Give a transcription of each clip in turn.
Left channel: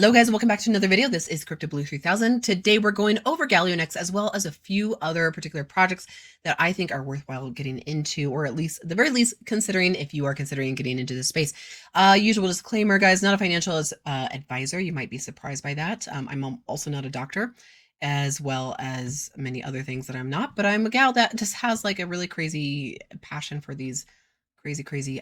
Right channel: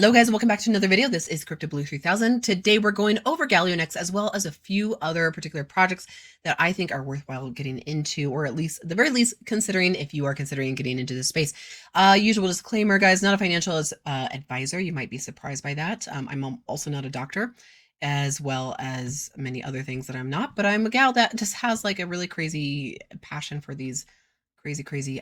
Hello guys, and welcome back to another video. This is Crypto Blue 3000. Today we're going over Galionex as well as a few other particular projects that I think are worthwhile getting into, or at least, at the very least, considering if you are considering getting into this space. Usual disclaimer, guys, not a financial advisor. You might be surprised by that. I'm also not a doctor, as well as many other things that I'm not, but I'm a gal that just has like a really crazy passion for these crazy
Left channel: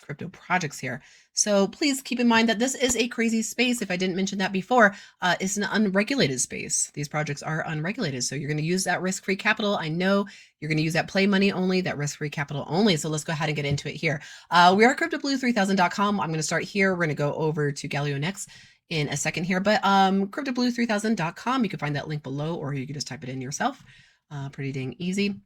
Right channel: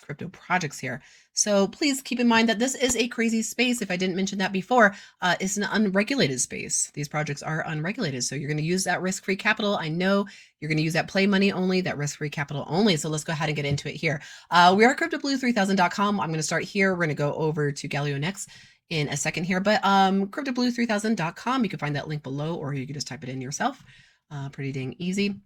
crypto projects here. So please keep in mind that this is a crazy space. If I didn't mention that before, it's an unregulated space. These projects are unregulated, so you're going to use that risk-free capital. I know you're going to use that play money only, that risk-free capital only. So let's go ahead and get into it here. We're at cryptoblue3000.com. I'm going to start here. We're going to go over to Galionex in a second here, but cryptoblue3000.com. You can find that link below, or you can just type it in yourself. Pretty dang easy.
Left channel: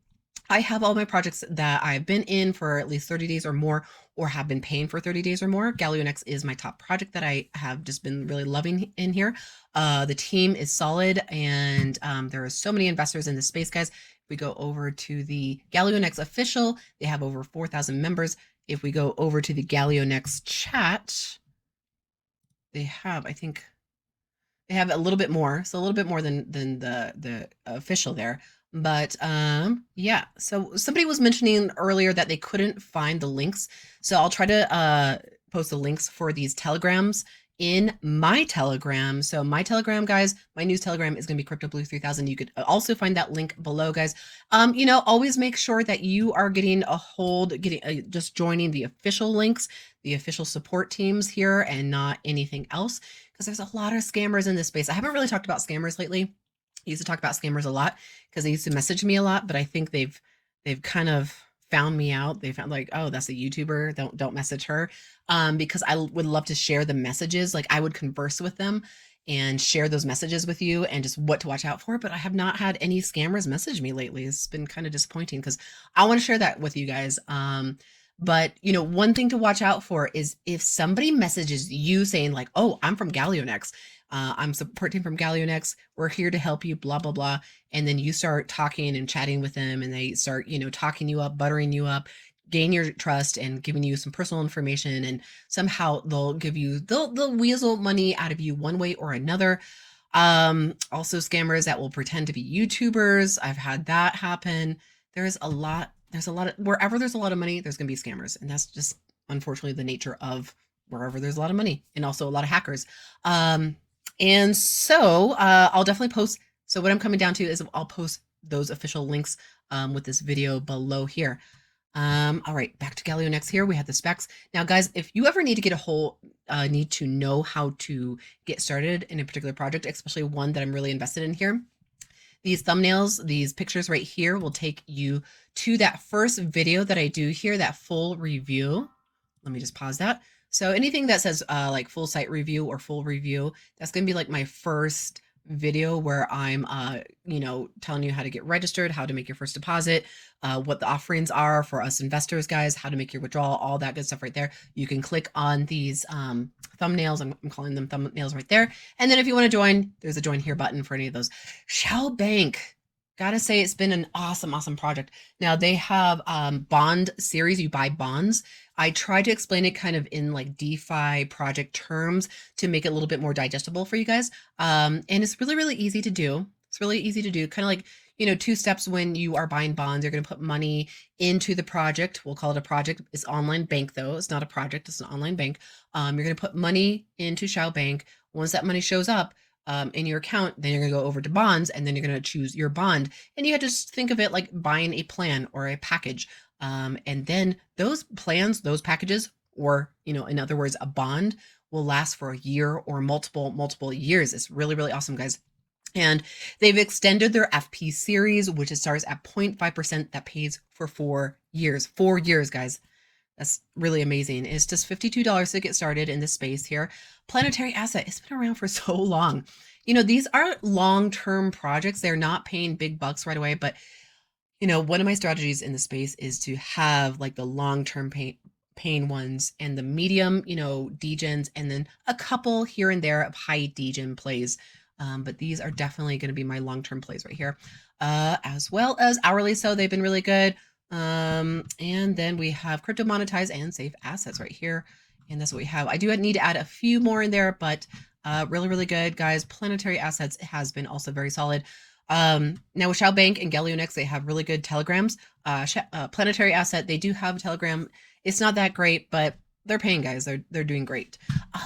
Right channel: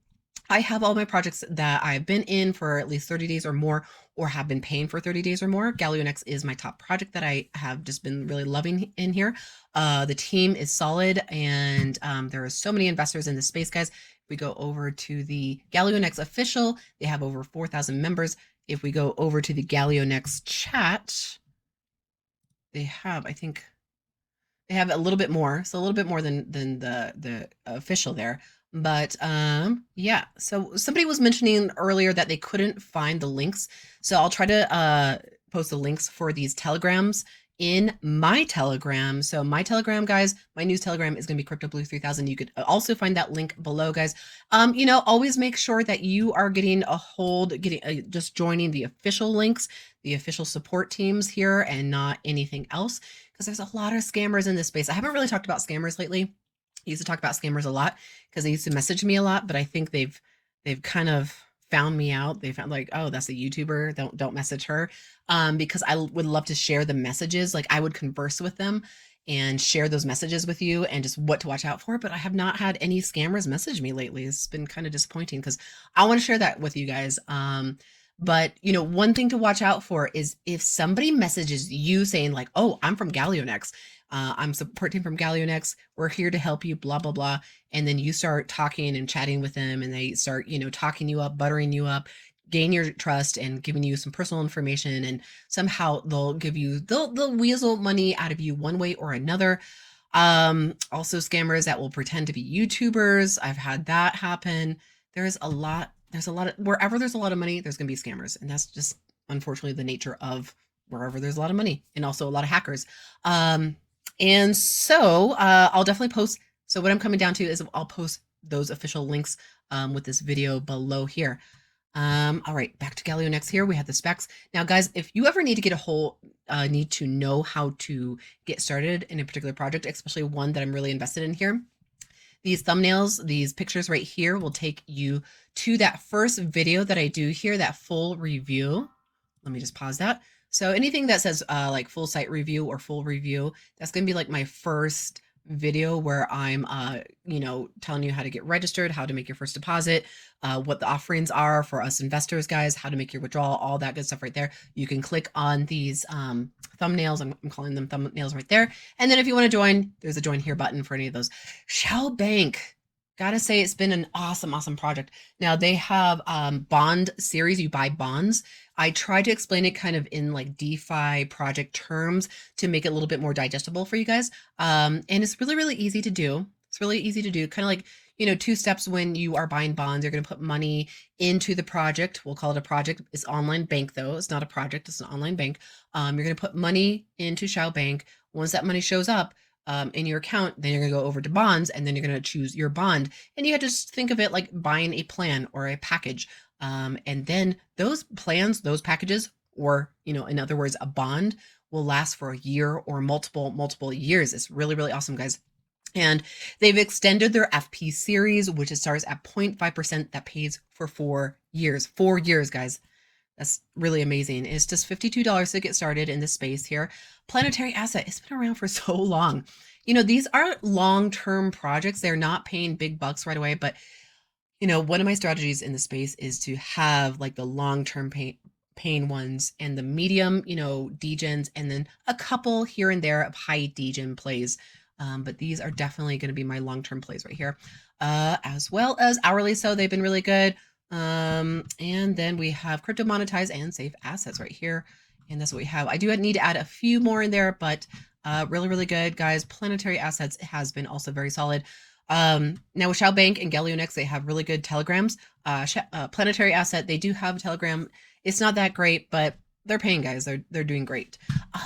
I have all my projects that I've been in for at least 30 days or more, or have been paying for 30 days or more. Galionex is my top project that I have just been really loving in here. The team is solid, and there are so many investors in this space, guys. If we go over to the Galionex official, they have over 4,000 members. If we go over to the Galionex chat, they have, I think, they have a little bit more, so a little bit more than the official there. But yeah, so somebody was mentioning earlier that they couldn't find the links. So I'll try to post the links for these telegrams in my Telegram. So my Telegram, guys, my news Telegram is going to be CryptoBlue3000. You could also find that link below, guys. Always make sure that you are getting just joining the official links, the official support teams here, and not anything else, because there's a lot of scammers in this space. I haven't really talked about scammers lately. I used to talk about scammers a lot because they used to message me a lot, but I think they've kind of found me out. They found like, oh, that's a YouTuber. Don't message her. Because I would love to share the messages. Like I would converse with them and share those messages with you and just what to watch out for. But I have not had any scammers message me lately. It's been kind of disappointing because I want to share that with you guys. But one thing to watch out for is if somebody messages you saying like, oh, I'm from Galionex. I'm support team from Galionex. We're here to help you, blah, blah, blah. And then you start talking and chatting with them and they start, talking you up, buttering you up, gain your trust and giving you some personal information. And somehow they'll weasel money out of you one way or another. Also scammers that will pretend to be YouTubers. I've had that happen. There's a lot of, wherever there's a lot of money, there's going to be scammers. And that's just unfortunately the nature of wherever there's a lot of money and also a lot of hackers. And so I'll definitely post. So what I'm coming down to is I'll post those official links with this video below here. All right, back to Galionex here. We have the specs. Now, guys, if you ever need to get need to know how to get started in a particular project, especially one that I'm really invested in here, these thumbnails, these pictures right here will take you to that first video that I do here, that full review. Let me just pause that. So anything that says like full site review or full review, that's going to be like my first video where I'm, telling you how to get registered, how to make your first deposit, what the offerings are for us investors, guys, how to make your withdrawal, all that good stuff right there. You can click on these thumbnails. I'm calling them thumbnails right there. And then if you want to join, there's a join here button for any of those. Shell Bank. Gotta say, it's been an awesome project. Now, they have bond series. You buy bonds. I tried to explain it kind of in like DeFi project terms to make it a little bit more digestible for you guys. And it's really easy to do. It's really easy to do. Kind of like, two steps when you are buying bonds. You're going to put money into the project. We'll call it a project. It's online bank, though. It's not a project. It's an online bank. You're going to put money into Shell Bank. Once that money shows up, in your account, then you're going to go over to bonds, and then you're going to choose your bond. And you have to just think of it like buying a plan or a package. And then those plans, those packages, or, in other words, a bond will last for a year or multiple years. It's really awesome, guys. And they've extended their FP series, which starts at 0.5% that pays for 4 years. 4 years, guys. That's really amazing. It's just $52 to get started in this space here. Planetary Asset, it's been around for so long. These are long-term projects. They're not paying big bucks right away, but one of my strategies in the space is to have like the long-term paying ones and the medium, degens, and then a couple here and there of high degen plays. But these are definitely going to be my long-term plays right here, as well as hourly. So they've been really good. And then we have crypto monetize and safe assets right here. And that's what we have. I do need to add a few more in there, but really, really good, guys. Planetary Assets has been also very solid. Now with Shao Bank and Galionex, they have really good telegrams. Planetary Asset, they do have a telegram. It's not that great, but they're paying, guys. They're doing great.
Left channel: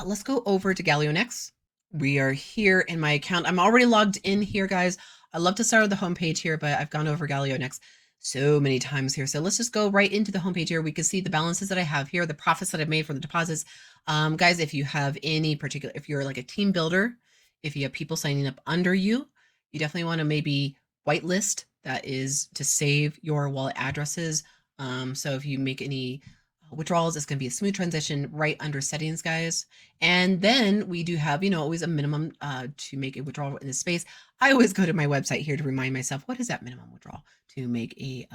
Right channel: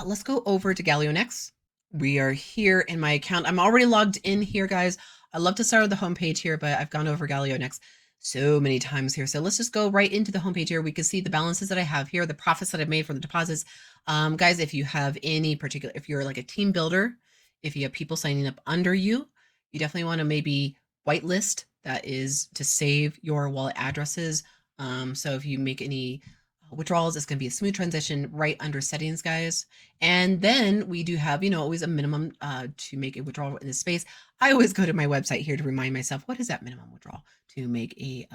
Let's go over to Galionex. We are here in my account. I'm already logged in here, guys. I love to start with the homepage here, but I've gone over Galionex so many times here. So let's just go right into the homepage here. We can see the balances that I have here, the profits that I've made from the deposits. Guys, if you have any particular, if you're like a team builder, if you have people signing up under you, you definitely want to maybe whitelist. That is to save your wallet addresses. So if you make any withdrawals, it's going to be a smooth transition right under settings, guys. And then we do have, always a minimum to make a withdrawal in this space. I always go to my website here to remind myself, what is that minimum withdrawal to make a,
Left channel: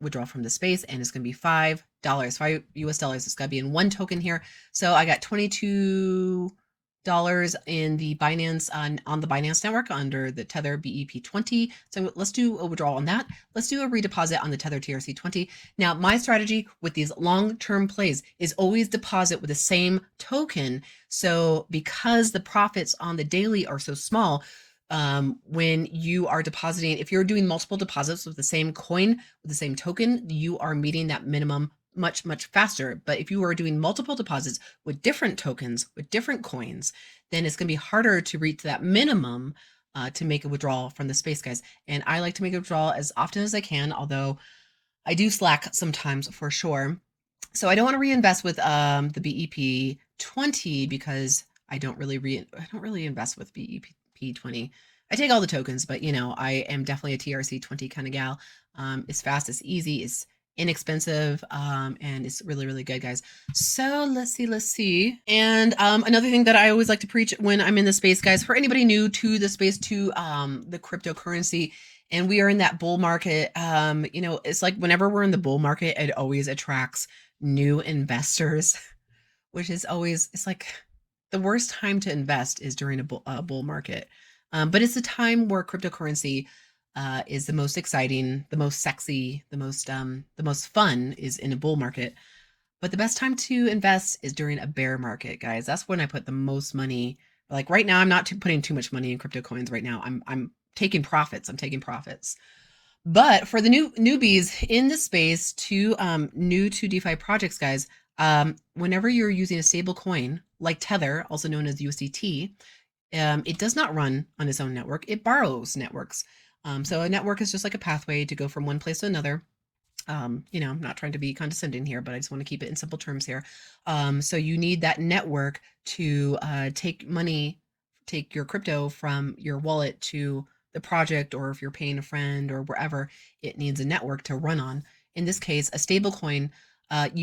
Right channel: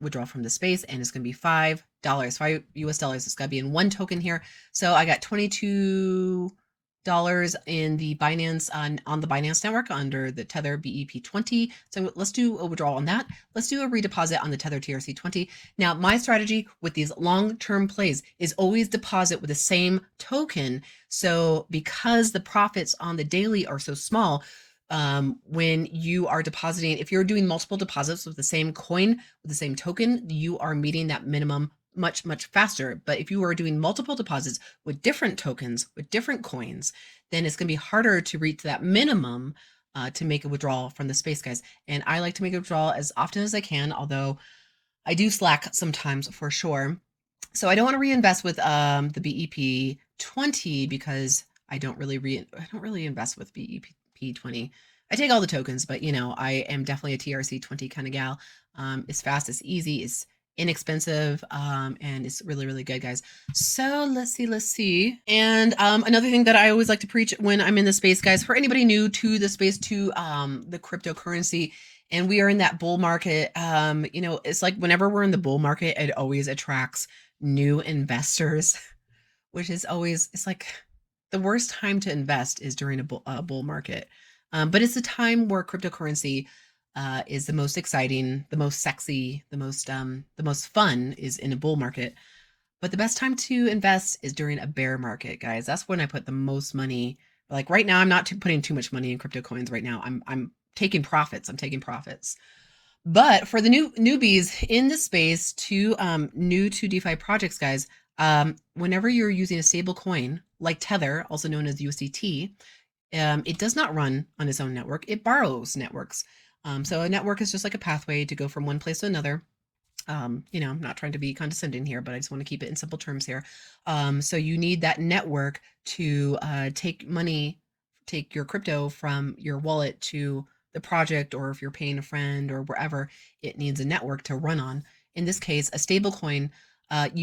withdraw from the space, and it's going to be $5, $5 US. It's going to be in one token here. So I got $22 in the Binance on the Binance network under the Tether BEP20. So let's do a withdrawal on that. Let's do a redeposit on the Tether TRC20. Now, my strategy with these long-term plays is always deposit with the same token. So because the profits on the daily are so small, when you are depositing, if you're doing multiple deposits with the same coin, with the same token, you are meeting that minimum much, much faster. But if you are doing multiple deposits with different tokens, with different coins, then it's going to be harder to reach that minimum to make a withdrawal from the space, guys. And I like to make a withdrawal as often as I can, although I do slack sometimes for sure. So I don't want to reinvest with the BEP20 because I don't really invest with BEP20. I take all the tokens, but I am definitely a TRC20 kind of gal. It's fast, it's easy, it's inexpensive, and it's really, really good, guys. So let's see. And another thing that I always like to preach when I'm in the space, guys, for anybody new to the space, to the cryptocurrency, and we are in that bull market, it's like whenever we're in the bull market, it always attracts new investors, which is always, it's like the worst time to invest is during a bull market. But it's the time where cryptocurrency is the most exciting, the most sexy, the most fun is in a bull market. But the best time to invest is during a bear market, guys. That's when I put the most money. Like right now, I'm not putting too much money in crypto coins right now. I'm taking profits. I'm taking profits. But for the newbies in the space, to new to DeFi projects, guys, whenever you're using a stable coin like Tether, also known as USDT, it does not run on its own network. It borrows networks. So a network is just like a pathway to go from one place to another. I'm not trying to be condescending here, but I just want to keep it in simple terms here. So you need that network to take your crypto from your wallet to the project, or if you're paying a friend or wherever, it needs a network to run on. In this case, a stable coin,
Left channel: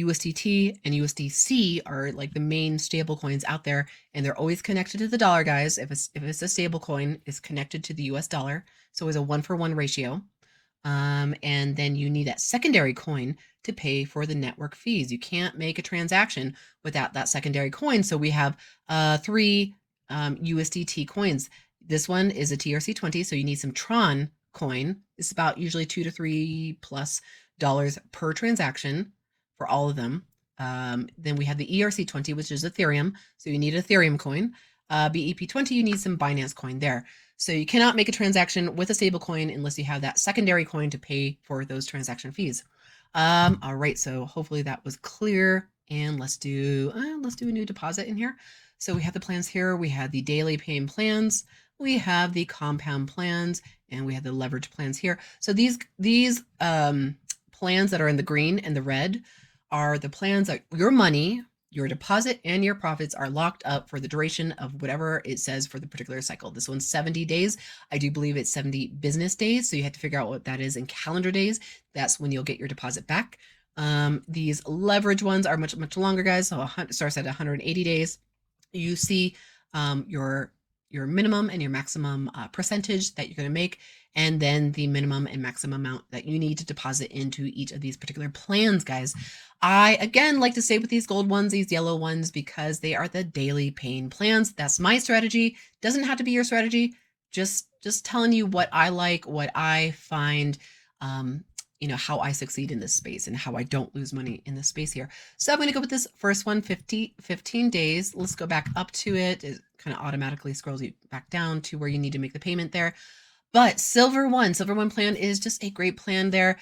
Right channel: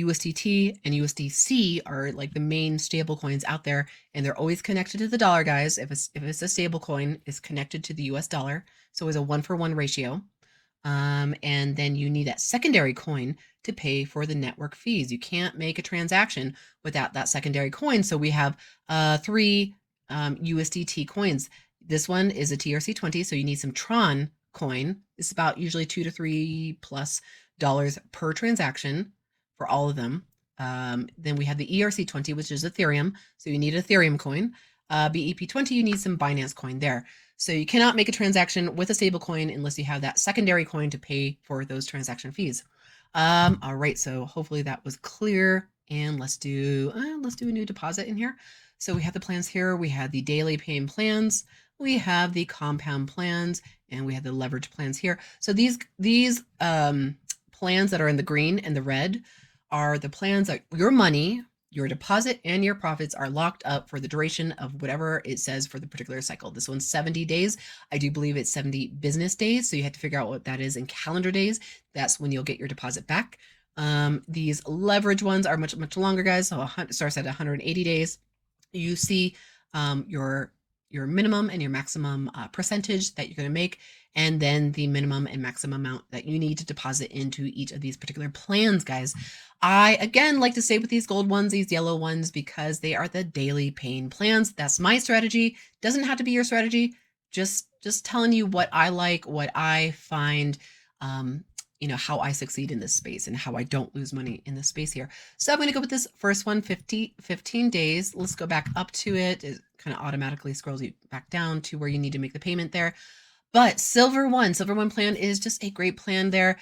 USDT and USDC are like the main stable coins out there, and they're always connected to the dollar, guys. If it's a stable coin, it's connected to the US dollar. So it's a 1-for-1 ratio. And then you need a secondary coin to pay for the network fees. You can't make a transaction without that secondary coin. So we have 3 USDT coins. This one is a TRC20, so you need some Tron coin. It's about usually $2 to $3+ per transaction for all of them. Then we have the ERC20, which is Ethereum, so you need an Ethereum coin. BEP20, you need some Binance coin there. So you cannot make a transaction with a stable coin unless you have that secondary coin to pay for those transaction fees. All right, so hopefully that was clear. And let's do a new deposit in here. So we have the plans here. We have the daily paying plans. We have the compound plans, and we have the leverage plans here. So these plans that are in the green and the red are the plans that your money, your deposit, and your profits are locked up for the duration of whatever it says for the particular cycle. This one's 70 days. I do believe it's 70 business days. So you have to figure out what that is in calendar days. That's when you'll get your deposit back. These leverage ones are much, much longer, guys. So it starts at 180 days. You see your minimum and your maximum percentage that you're going to make, and then the minimum and maximum amount that you need to deposit into each of these particular plans, guys. I, again, like to say with these gold ones, these yellow ones, because they are the daily paying plans. That's my strategy. Doesn't have to be your strategy. Just telling you what I like, what I find how I succeed in this space and how I don't lose money in this space here. So I'm going to go with this first one, 15 days. Let's go back up to it. It kind of automatically scrolls you back down to where you need to make the payment there. But Silver One plan is just a great plan there.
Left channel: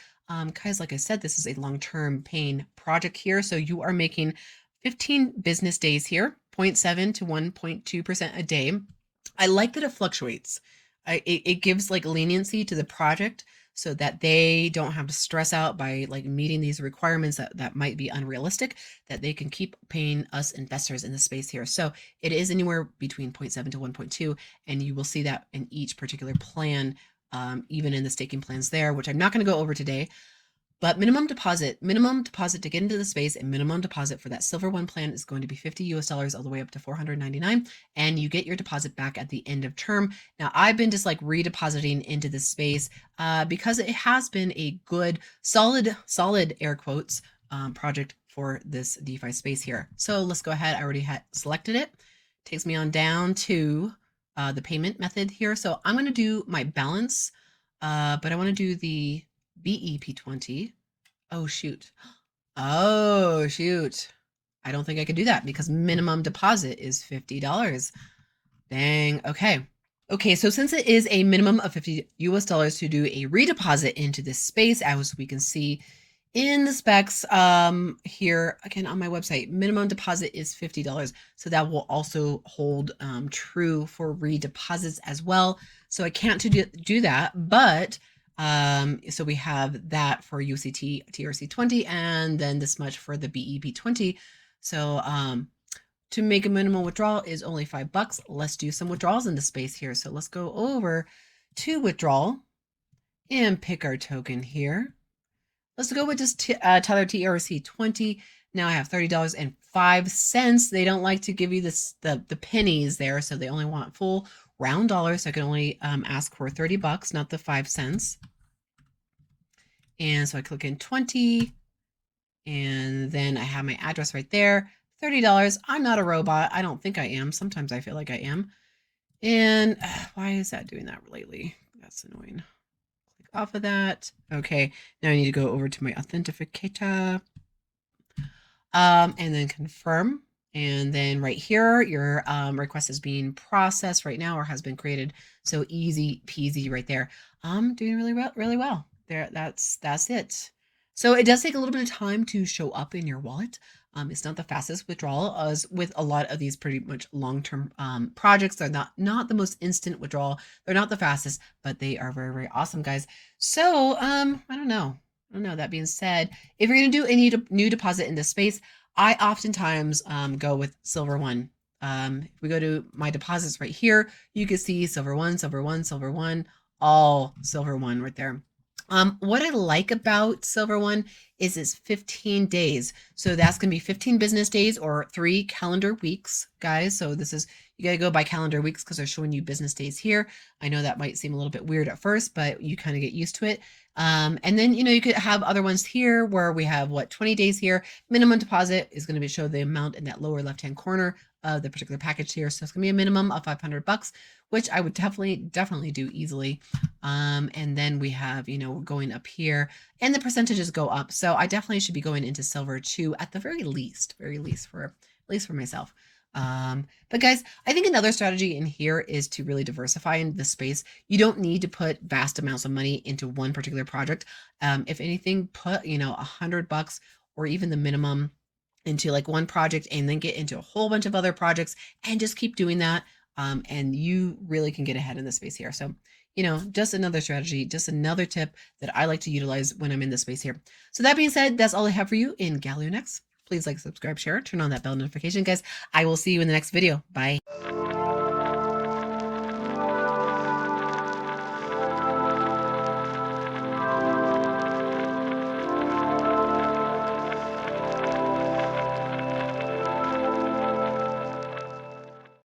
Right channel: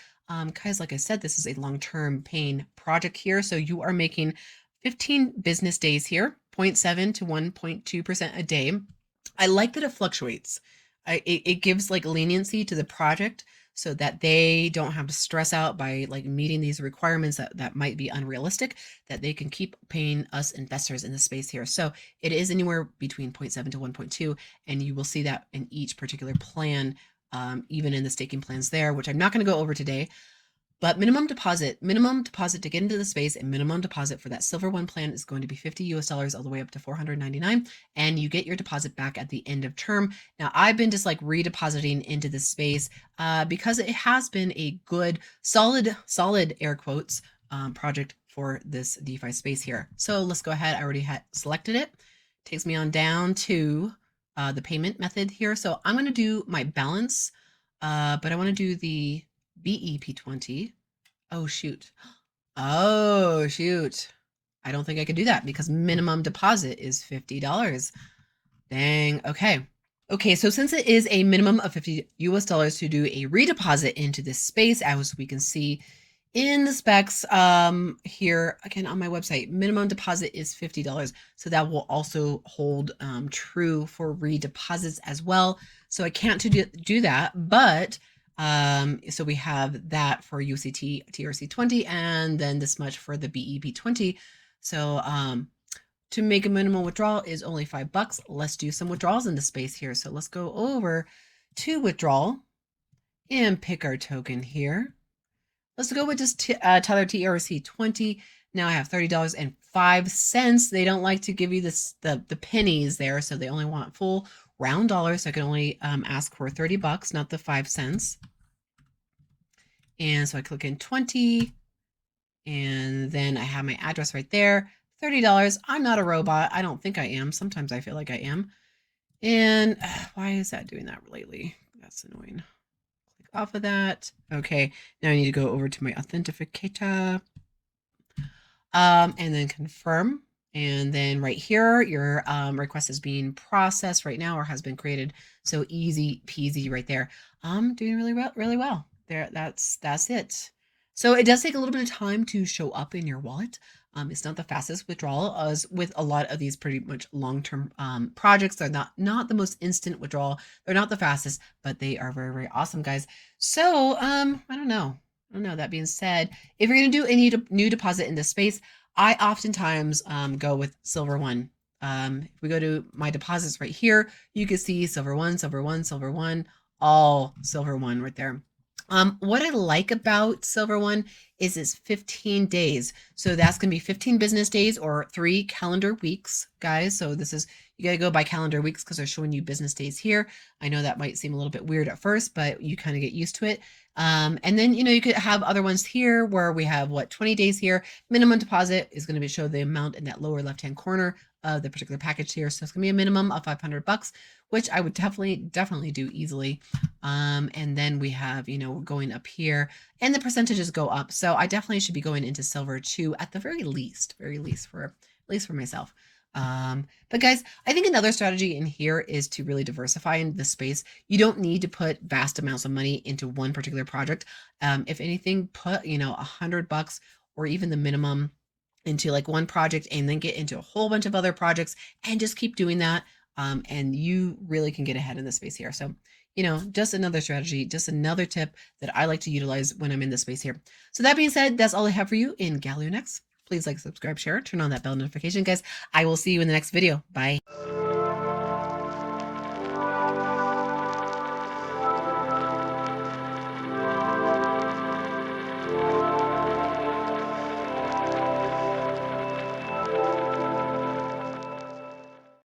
Guys, like I said, this is a long-term paying project here. So you are making 15 business days here, 0.7 to 1.2% a day. I like that it fluctuates. It gives like leniency to the project so that they don't have to stress out by like meeting these requirements that might be unrealistic, that they can keep paying us investors in the space here. So it is anywhere between 0.7 to 1.2, and you will see that in each particular plan, even in the staking plans there, which I'm not going to go over today. But minimum deposit to get into the space, and minimum deposit for that Silver One plan is going to be $50 all the way up to $499, and you get your deposit back at the end of term. Now, I've been just like redepositing into the space because it has been a good, solid air quotes project for this DeFi space here. So let's go ahead. I already had selected it. Takes me on down to the payment method here. So I'm going to do my balance, but I want to do the BEP20. Oh, shoot. Oh, shoot. I don't think I could do that because minimum deposit is $50. Dang. Okay. Okay, so since it is a minimum of $50 to do a redeposit into this space, as we can see in the specs here, again on my website, minimum deposit is $50. So that will also hold true for redeposits as well. So I can't do that, but so we have that for UCT TRC20 and then this much for the BEP20. So to make a minimal withdrawal is only $5. Let's do some withdrawals in the space here. So let's go over to withdrawal and pick our token here. Let's go with just Tether TRC20. Now I have $30.05. They don't like to give you the pennies there, so they only want full round dollars. So I can only ask for $30, not the 5 cents. And so I click in 20, and then I have my address right there. $30. I'm not a robot. I don't think I am. Sometimes I feel like I am. And why is that doing that lately? That's annoying. Off of that. Okay, now I need to go over to my authenticator. And then confirm. And then right here, your request is being processed right now or has been created. So easy peasy right there. I'm doing really well. There, that's it. So it does take a little bit of time to show up in your wallet. It's not the fastest withdrawal, as with a lot of these pretty much long-term projects. They're not the most instant withdrawal. They're not the fastest, but they are very, very awesome, guys. So I don't know. That being said, if you're gonna do any new deposit in this space, I oftentimes go with Silver One. If we go to my deposits right here, you can see Silver One, all Silver One right there. What I like about Silver One is it's 15 days. So that's going to be 15 business days or 3 calendar weeks, guys. So this is, you got to go by calendar weeks because they're showing you business days here. I know that might seem a little bit weird at first, but you kind of get used to it. And then, you could have other ones here where we have 20 days here. Minimum deposit is going to be show the amount in that lower left-hand corner of the particular package here. So it's going to be a minimum of $500, which I would definitely do easily. And then we have, going up here, and the percentages go up. So I definitely should be going into silver too, at the very least for myself. But guys, I think another strategy in here is to really diversify in the space. You don't need to put vast amounts of money into one particular project. If anything, put, $100 or even the minimum into like one project and then get into a whole bunch of other projects and just keep doing that. And you really can get ahead in the space here. So, just another strategy, just another tip that I like to utilize when I'm in this space here. So that being said, that's all I have for you in Galionex. Please like, subscribe, share, turn on that bell notification, guys. I will see you in the next video. Bye.